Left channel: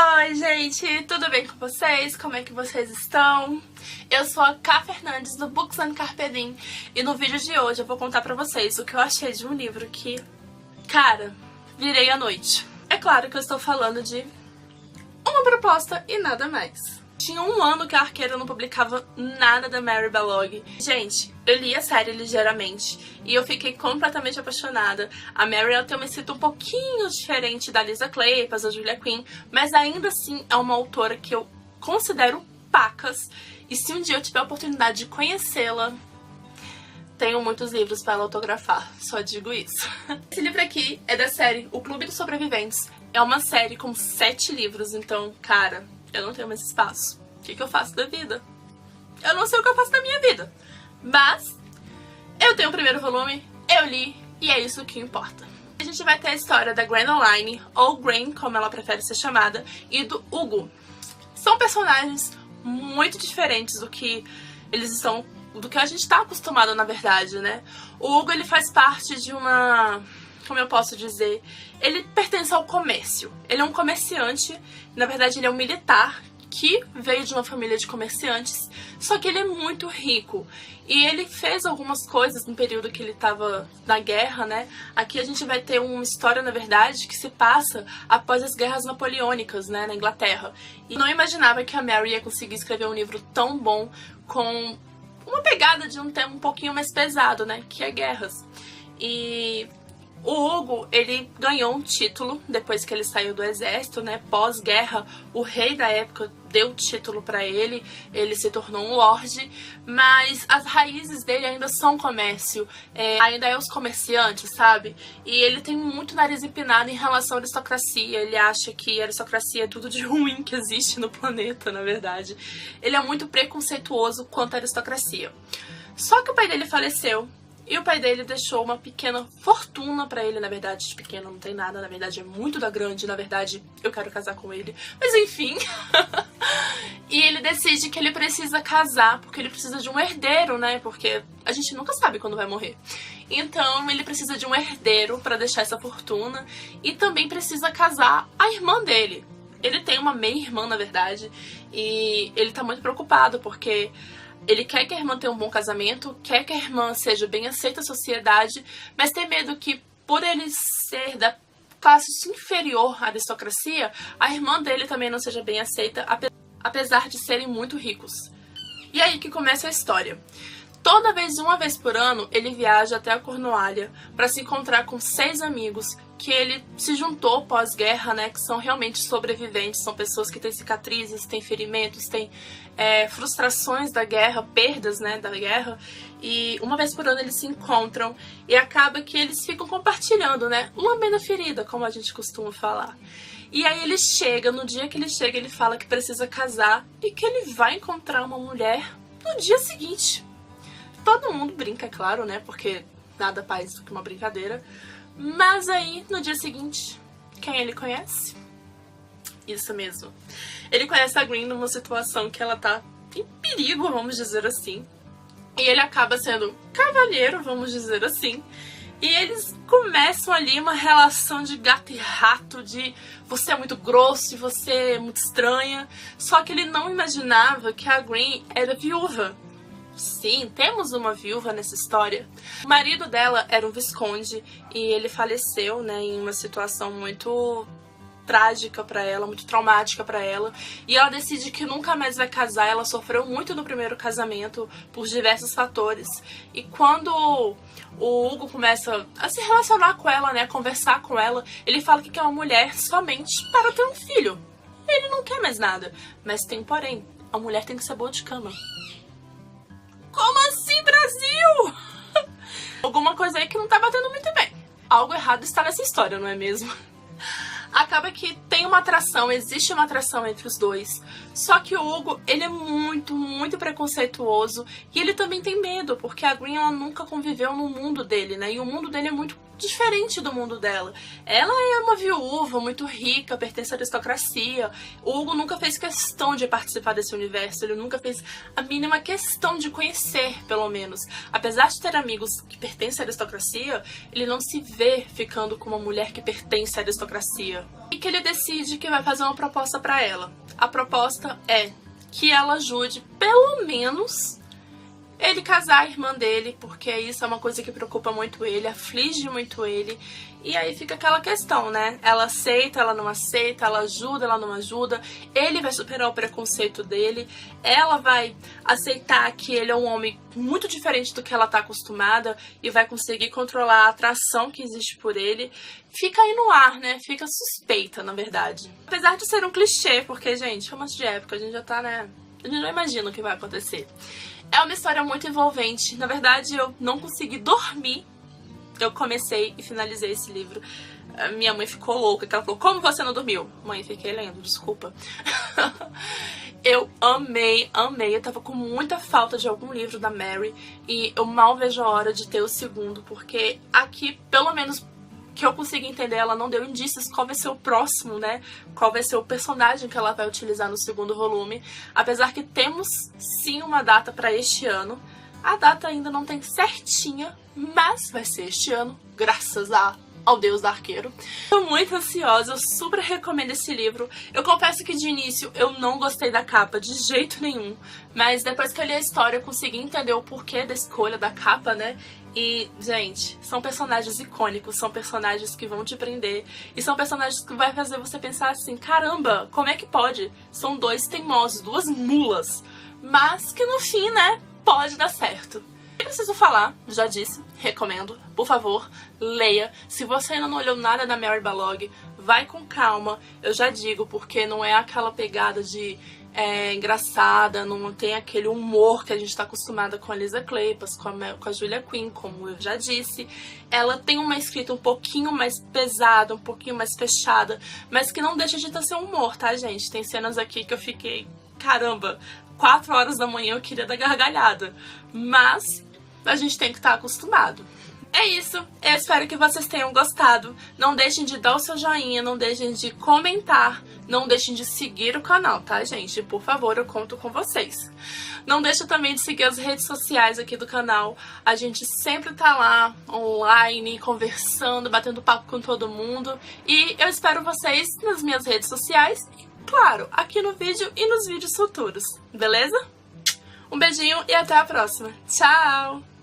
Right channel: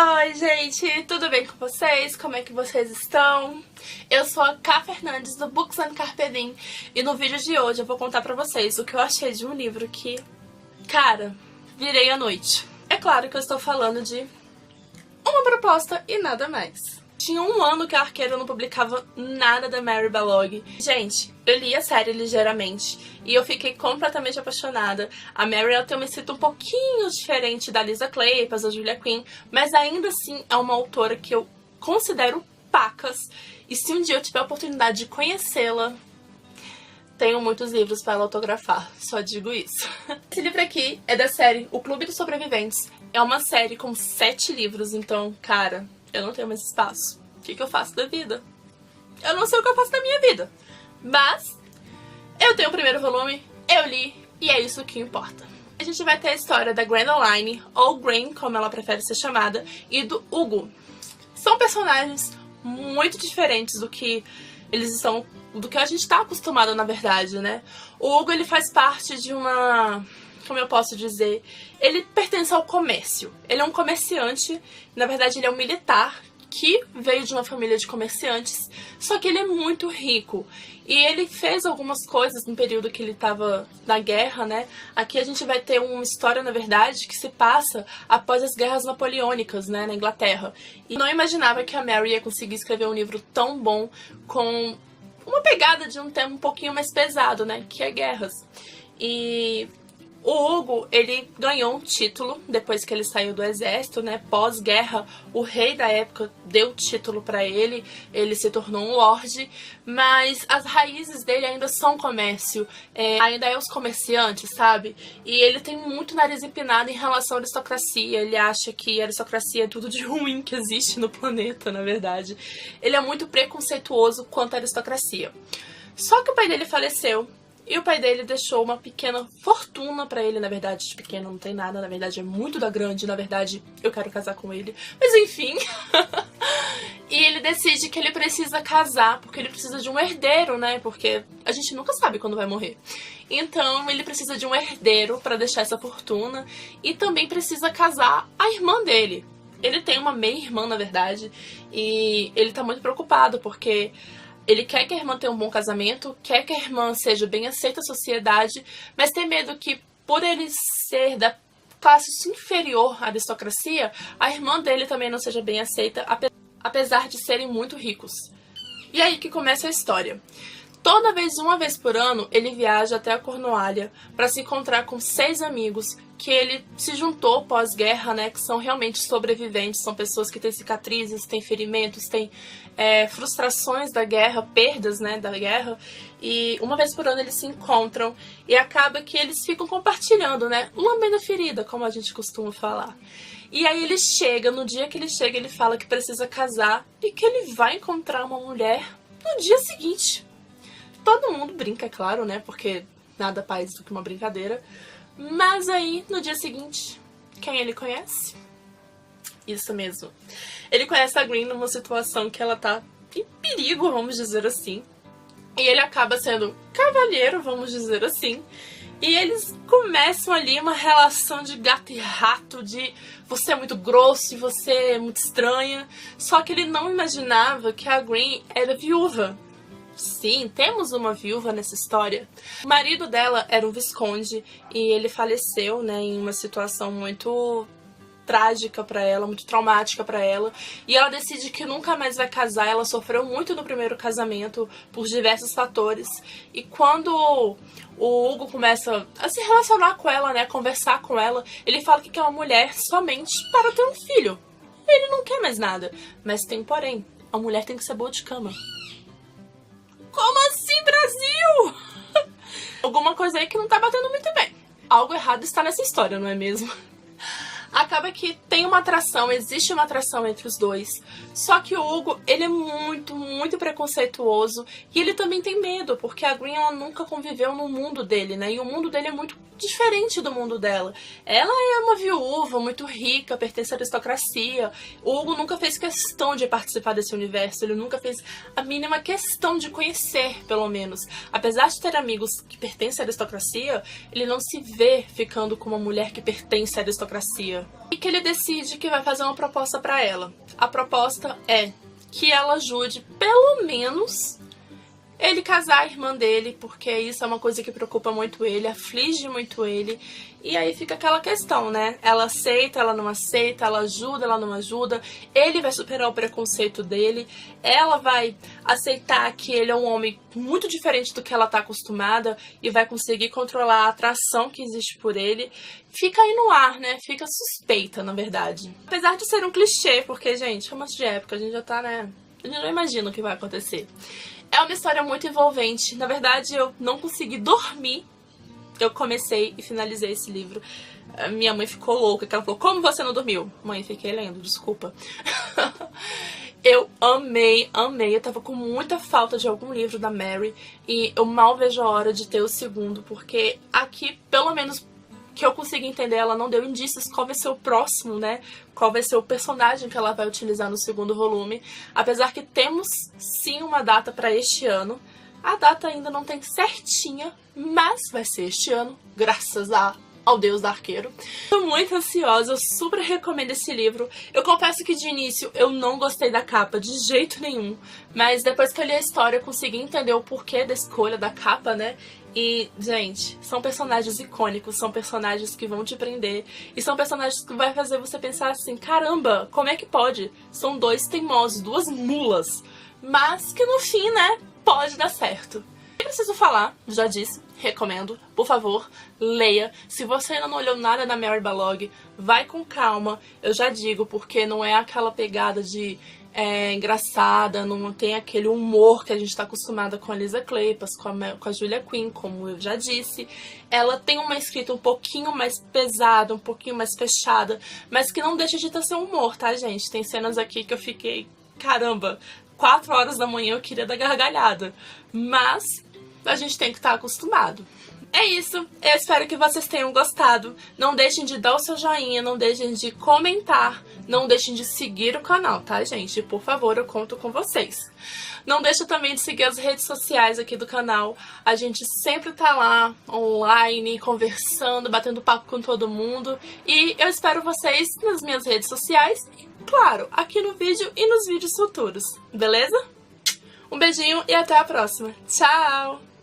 Oi, gente, tudo bem com vocês? Como é que vocês estão? Eu sou a Ká Fernandes do Books and Carpe Diem e no vídeo de hoje eu vou contar pra vocês o que eu achei de um livro que, cara, virei à noite. É claro que eu estou falando de Uma Proposta e nada mais. Tinha um ano que a Arqueira não publicava nada da Mary Balogh. Gente, eu li a série ligeiramente e eu fiquei completamente apaixonada. A Mary ela tem uma escrita um pouquinho diferente da Lisa Kleypas, da Julia Quinn, mas ainda assim é uma autora que eu considero pacas. E se um dia eu tiver a oportunidade de conhecê-la, tenho muitos livros para ela autografar, só digo isso. Esse livro aqui é da série O Clube dos Sobreviventes. É uma série com 7 livros, então, cara, eu não tenho mais espaço. O que eu faço da vida? Eu não sei o que eu faço da minha vida. Mas eu tenho o primeiro volume, eu li, e é isso que importa. A gente vai ter a história da Gwendoline, ou Gwen, como ela prefere ser chamada, e do Hugo. São personagens muito diferentes do que eles estão, do que a gente está acostumado, na verdade, né? O Hugo, ele faz parte de uma... como eu posso dizer, ele pertence ao comércio. Ele é um comerciante, na verdade ele é um militar que veio de uma família de comerciantes, só que ele é muito rico. E ele fez algumas coisas no período que ele estava na guerra, né? Aqui a gente vai ter uma história, na verdade, que se passa após as guerras napoleônicas, né, na Inglaterra. E não imaginava que a Mary ia conseguir escrever um livro tão bom com uma pegada de um tema um pouquinho mais pesado, né, que é guerras. E o Hugo, ele ganhou um título depois que ele saiu do exército, né? Pós-guerra, o rei da época deu o título pra ele, ele se tornou um lorde, mas as raízes dele ainda são comércio, ainda é os comerciantes, sabe? E ele tem muito nariz empinado em relação à aristocracia, ele acha que a aristocracia é tudo de ruim que existe no planeta, na verdade. Ele é muito preconceituoso quanto à aristocracia. Só que o pai dele faleceu. E o pai dele deixou uma pequena fortuna pra ele, na verdade, de pequena não tem nada, na verdade é muito da grande, na verdade eu quero casar com ele. Mas enfim, e ele decide que ele precisa casar, porque ele precisa de um herdeiro, né, porque a gente nunca sabe quando vai morrer. Então ele precisa de um herdeiro pra deixar essa fortuna e também precisa casar a irmã dele. Ele tem uma meia-irmã, na verdade, e ele tá muito preocupado, porque ele quer que a irmã tenha um bom casamento, quer que a irmã seja bem aceita na sociedade, mas tem medo que, por ele ser da classe inferior à aristocracia, a irmã dele também não seja bem aceita, apesar de serem muito ricos. E aí que começa a história. Toda vez, uma vez por ano, ele viaja até a Cornualha para se encontrar com 6 amigos que ele se juntou pós-guerra, né, que são realmente sobreviventes, são pessoas que têm cicatrizes, têm ferimentos, têm frustrações da guerra, perdas, né, da guerra, e uma vez por ano eles se encontram e acaba que eles ficam compartilhando, né, lambendo a ferida, como a gente costuma falar. E aí ele chega, no dia que ele chega, ele fala que precisa casar e que ele vai encontrar uma mulher no dia seguinte. Todo mundo brinca, claro, né, porque nada mais do que uma brincadeira. Mas aí, no dia seguinte, quem ele conhece? Isso mesmo. Ele conhece a Gwen numa situação que ela tá em perigo, vamos dizer assim. E ele acaba sendo cavalheiro, vamos dizer assim. E eles começam ali uma relação de gato e rato, de você é muito grosso e você é muito estranha. Só que ele não imaginava que a Gwen era viúva. Sim, temos uma viúva nessa história. O marido dela era um visconde e ele faleceu, né, em uma situação muito trágica pra ela, muito traumática pra ela. E ela decide que nunca mais vai casar. Ela sofreu muito no primeiro casamento por diversos fatores. E quando o Hugo começa a se relacionar com ela, né, a conversar com ela, ele fala que quer uma mulher somente para ter um filho. Ele não quer mais nada. Mas tem porém, a mulher tem que ser boa de cama. Como assim, Brasil? Alguma coisa aí que não tá batendo muito bem. Algo errado está nessa história, não é mesmo? Acaba que tem uma atração, existe uma atração entre os dois. Só que o Hugo, ele é muito, muito preconceituoso. E ele também tem medo, porque a Gwen, ela nunca conviveu no mundo dele, né? E o mundo dele é muito diferente do mundo dela. Ela é uma viúva muito rica, pertence à aristocracia. O Hugo nunca fez questão de participar desse universo, ele nunca fez a mínima questão de conhecer, pelo menos. Apesar de ter amigos que pertencem à aristocracia, ele não se vê ficando com uma mulher que pertence à aristocracia. E que ele decide que vai fazer uma proposta pra ela. A proposta é que ela ajude, pelo menos, ele casar a irmã dele, porque isso é uma coisa que preocupa muito ele, aflige muito ele. E aí fica aquela questão, né? Ela aceita, ela não aceita, ela ajuda, ela não ajuda. Ele vai superar o preconceito dele. Ela vai aceitar que ele é um homem muito diferente do que ela tá acostumada e vai conseguir controlar a atração que existe por ele. Fica aí no ar, né? Fica suspeita, na verdade. Apesar de ser um clichê, porque, gente, romance de época, a gente já tá, né? A gente não imagina o que vai acontecer. É uma história muito envolvente. Na verdade, eu não consegui dormir. Eu comecei e finalizei esse livro. A minha mãe ficou louca, que ela falou, como você não dormiu? Mãe, fiquei lendo, desculpa. Eu amei. Eu tava com muita falta de algum livro da Mary. E eu mal vejo a hora de ter o segundo, porque aqui, pelo menos que eu consigo entender, ela não deu indícios qual vai ser o próximo, né? Qual vai ser o personagem que ela vai utilizar no segundo volume. Apesar que temos sim uma data para este ano. A data ainda não tem certinha, mas vai ser este ano, graças ao Deus do Arqueiro. Tô muito ansiosa, eu super recomendo esse livro. Eu confesso que de início eu não gostei da capa de jeito nenhum, mas depois que eu li a história eu consegui entender o porquê da escolha da capa, né? E, gente, são personagens icônicos, são personagens que vão te prender e são personagens que vai fazer você pensar assim, caramba, como é que pode? São dois teimosos, duas mulas, mas que no fim, né, pode dar certo. Eu preciso falar, já disse, recomendo, por favor, leia. Se você ainda não olhou nada da Mary Balogh, vai com calma, eu já digo, porque não é aquela pegada de engraçada, não tem aquele humor que a gente está acostumada com a Lisa Kleypas, com a Julia Quinn, como eu já disse. Ela tem uma escrita um pouquinho mais pesada, um pouquinho mais fechada, mas que não deixa de ter seu humor, tá, gente? Tem cenas aqui que eu fiquei, caramba, 4 horas da manhã eu queria dar gargalhada, mas a gente tem que estar acostumado. É isso, eu espero que vocês tenham gostado. Não deixem de dar o seu joinha, não deixem de comentar, não deixem de seguir o canal, tá, gente? Por favor, eu conto com vocês. Não deixem também de seguir as redes sociais aqui do canal. A gente sempre tá lá, online, conversando, batendo papo com todo mundo. E eu espero vocês nas minhas redes sociais e, claro, aqui no vídeo e nos vídeos futuros, beleza? Um beijinho e até a próxima. Tchau!